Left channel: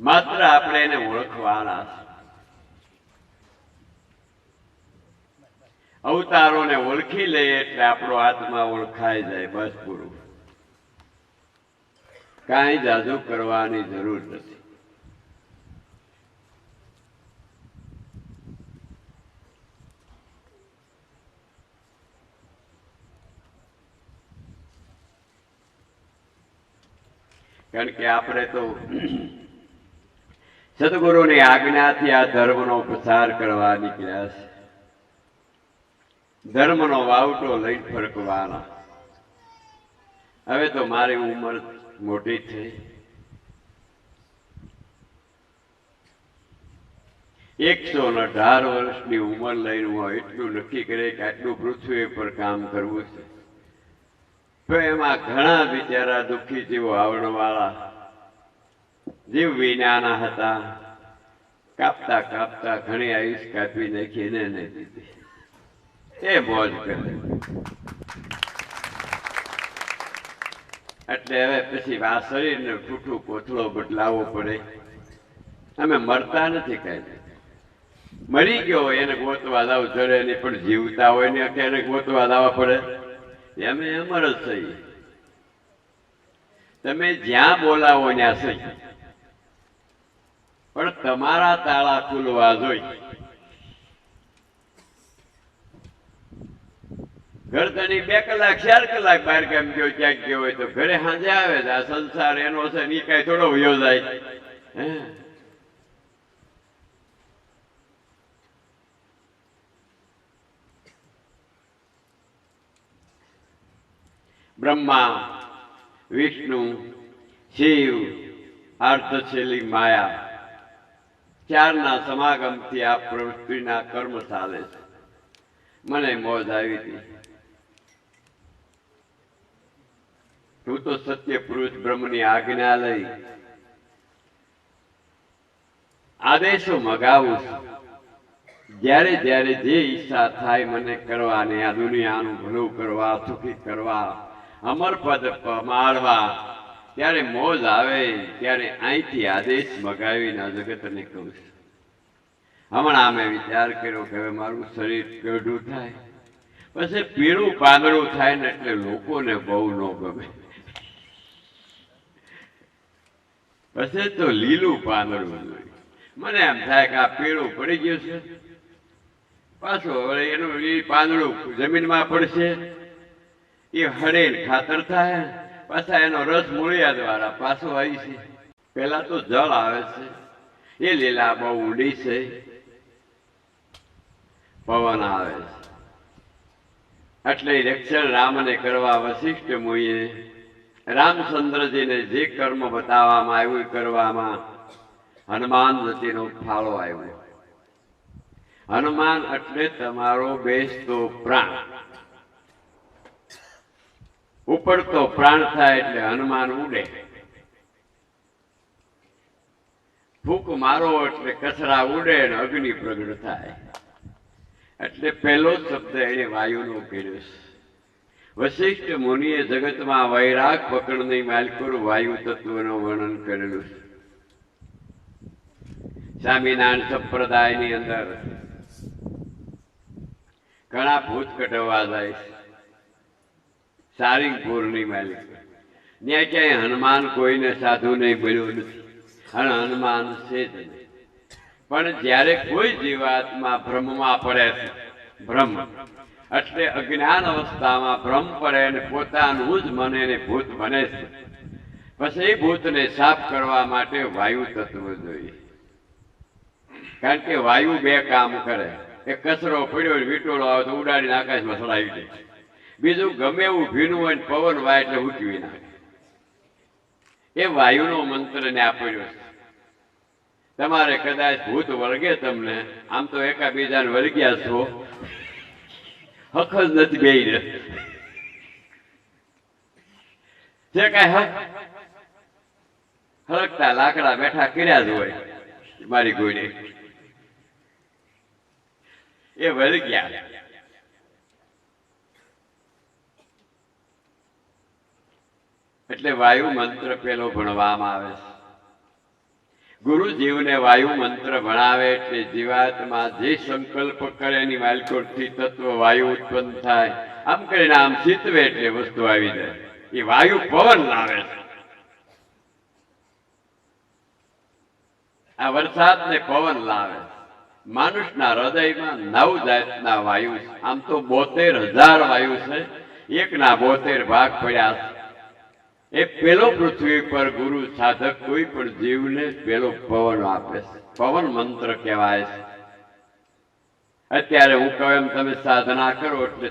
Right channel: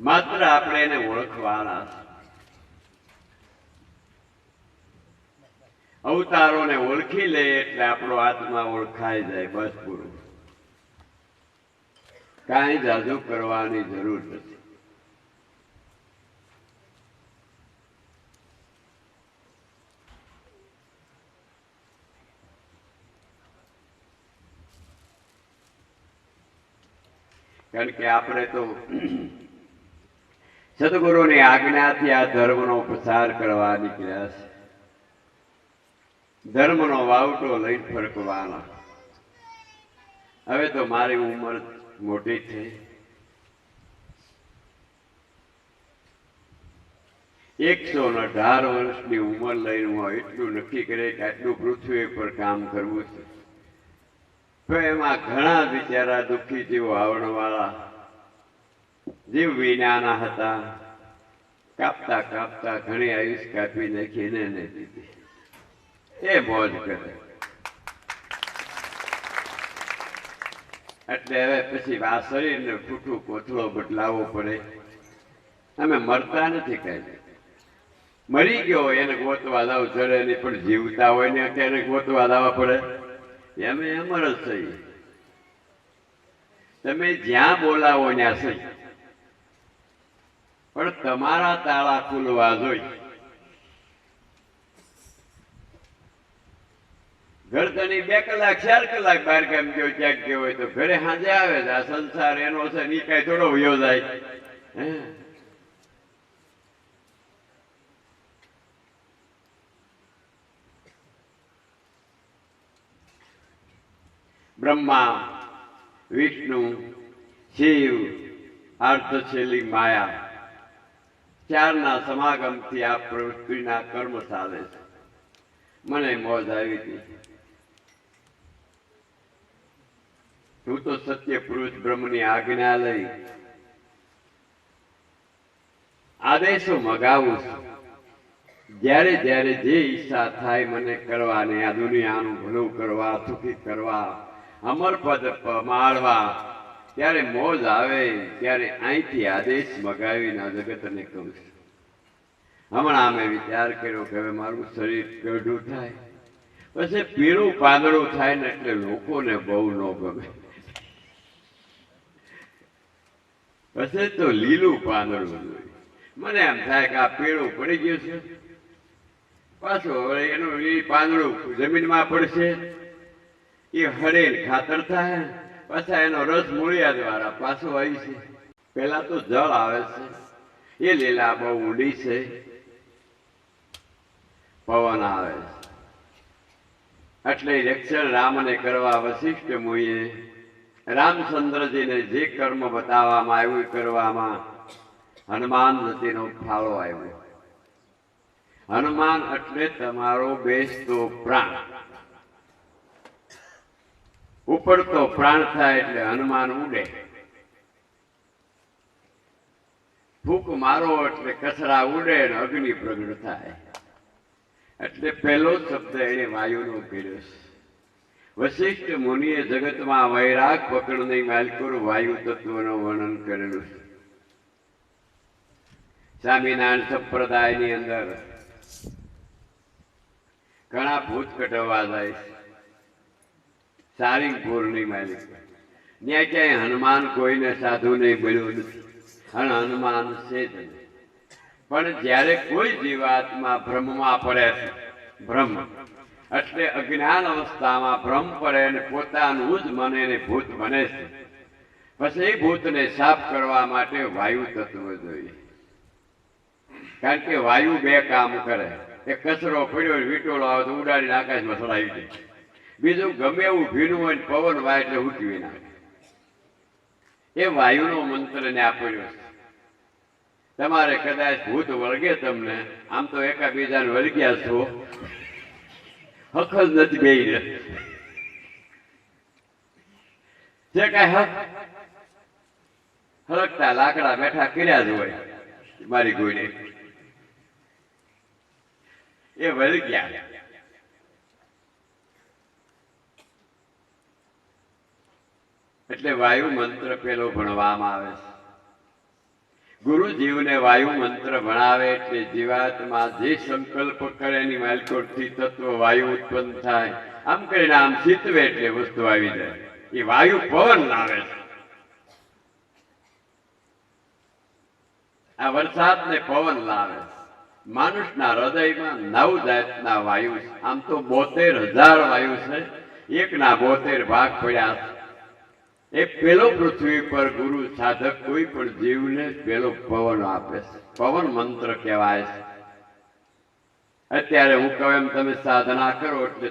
માત્ર આપણે એને ઓળખવાના છે. અવતારોને ઓળખી લઈએ એટલે આપણો આત્મા ઓળખાઈ જાય, બસ પૂરું. કાંઈ જાદુ કરવાની જરૂર નથી. કારણ કે આપણે તો સદગુરુની આજ્ઞાથી આ ધર્મનો પ્રસાર કરવા નીકળ્યા છે. ધર્મનો વાવટો લઈ ફરકવાના. હવે તો મારી ઉંમર મોટી થઈ. 118 વર્ષની ઉંમર લઈને હું એટલું નક્કી કરે કે આટલું પૃથ્વી પર કામ કરવું છે. તો એમાં ઘણા બિચારા દુઃખી જીવો આવડવાળા જીવ વિનાના હતા. કાપતા કાપતા ઘણી આયુષ કાપી નાખીને એને દીધી. એ મોજ કરે. એટલે હવે પછી આ શરીરને ઠૂઠું કોથળો બદલાવવો પડે. અમે મરતા નથી કઈ. મરી ગયો એને ગોતવા લાવ ચડે નહીં, પણ જીવતા હોય ને એને ગોતવા લાવવા પડે. અમે અમર જ થઈ. તમે જ્યાં બોલાવો ત્યાં સહી, પણ તમારા તાળા ખુલવા જોઈ. ઘરધણી 2 કલાક 4 કલાક બહાર ગામ ગયો ક્યાંક ગયો હોય તો ઘરે સાંજે આવે છે. આ સંસાર એનો છે, ની કઈ થોડો વયો જાય. બ્રહ્મા, વિષ્ણુ, શિવ, અર્ધશૈલી માયા, ચારના સમાગમથી આ પૃથ્વીના કર્મ ચાલે છે. મને મોજ આવી હતી. હું તો સત્ય પુરુષ બ્રહ્મની આજ્ઞા લઈ આદેશો મગાવું છું. જ્યારે જ્યારે જે ઈચ્છા થાય મને કરવાની, આ દુનિયાનું ભલું કરવા, સુખી કરવા, અમર પદ માળવા, ત્યારે મોજ આવે ત્યારે અહીંથી આદેશ મગાવીને આ જગતને કહું છું. હમણાં મેં વિચાર કર્યો કે હવે મારું શરીર પેઢું થાય, પછી પીળું પાંદડું થાય ને એટલે લોકોને બહુ ન ગમે. પછી તો લીલું પાંદડું જોઈએ. મને એમ થાય કે આ પીળું પડી ગયું છે, પાછું એનું લીલું પાંદડું જમીનમાં પડશે, એ હળેલ ખાતર થાય, પાછા એનો રસ મૂળિયા દ્વારા પાછો આવી છે. પેલા તો જળ આવે છે, એ લીલા બહુ ઊંડી છે. પવન આવે છે. એટલે રક્ષણ રામને કરવા વશિષ્ઠ મુનિએ રામચંદ્રજીને જે કર્મ બતાવવામાં આવ્યું કરવામાં હનુમાન જતીનો ફાળો આવ્યો. હનુમાન એટલે તમારો બેસતો પ્રાણ. ઉપડતો પ્રાણ થાય એટલે હનુમાન ઉડે. ફૂંક મારો એટલે કચરા ઉડે અને અગ્નિ પ્રગટ થાય. એટલે પહેલો શબ્દ એને વાયુનો કર્યો છે. વશિષ્ઠ મુનિએ જગતમાં વૈરાગ પકડની માલિકોર વાયુ તત્વનું વર્ણન કરેલું છે. સ્વામિનારાયણ સંપ્રદાયની અંદર ઘણા ભૂત કઢવા જાય છે. સારિંગપુરની માલિક ત્યાં ક્યાંય હનુમાન કોઈને સાધુ નહીં બન્યું નથી, અને હનુમાન છે જ નહીં. પણ જ્યારે કોઈ જીવાત્મા ભ્રમમાં પડે છે, ભ્રમ એટલે અજ્ઞાન અવસ્થામાં ભ્રમ પડે અને પોતાનું જ મને ભૂત બને છે, પછી એ ભૂતને સાફ કરવા માટે વાયુ તત્વ જોઈએ. કારણ કે વાયુ 2 કામ કરે. એક કચરો પડ્યો વીટોળો આવે તો ઉડાડીને આકાશમાં ચડાવી દે. બીજું ગમે એવું ભીનું હોય પવન વાય એટલે ઉઠવી નાખે. એ વાયુનો મંત્ર ને આપ્યો છે. તમારે કદાચ ભૂત વળગે તમને, આમ તો એકાબીજાને વળગ્યા છો, હક જ નથી બે જે કઈ હળકતા લાકડા બેઠા કર્યા જ હોય મારી ગોળે, એ વળગ્યા. એટલે વાયુ મંત્ર પેલો ભણવામાં આવે છે. ગુરુ જીવને વાયુ મંત્ર ભણાવે એટલે જીવાત્મા જે સંકલ્પ કરે એની માલકોટથી તત્વ વાયુ ઉત્પન્ન થાય. આમ કરીને આમ શીતવે એટલે વસ્તુ આવી જાય. એ વાયુ પવન લાવે છે. આ વરસાદ ને પવન લાવે. માણસના હૃદયમાં 9 જાતના વાયુ છે. આમ તો 72,000 વાયુ છે. એકના 72 ભાગ પડ્યા છે. એ પેલો પૃથ્વી પર ગુરુ સાધક કોઈ પણ જીવને પેલો પવન આપે છે. પવન મંત્ર કહેવાય છે. અત્યારે હું કહું એમ તમે સાધના કરો એટલે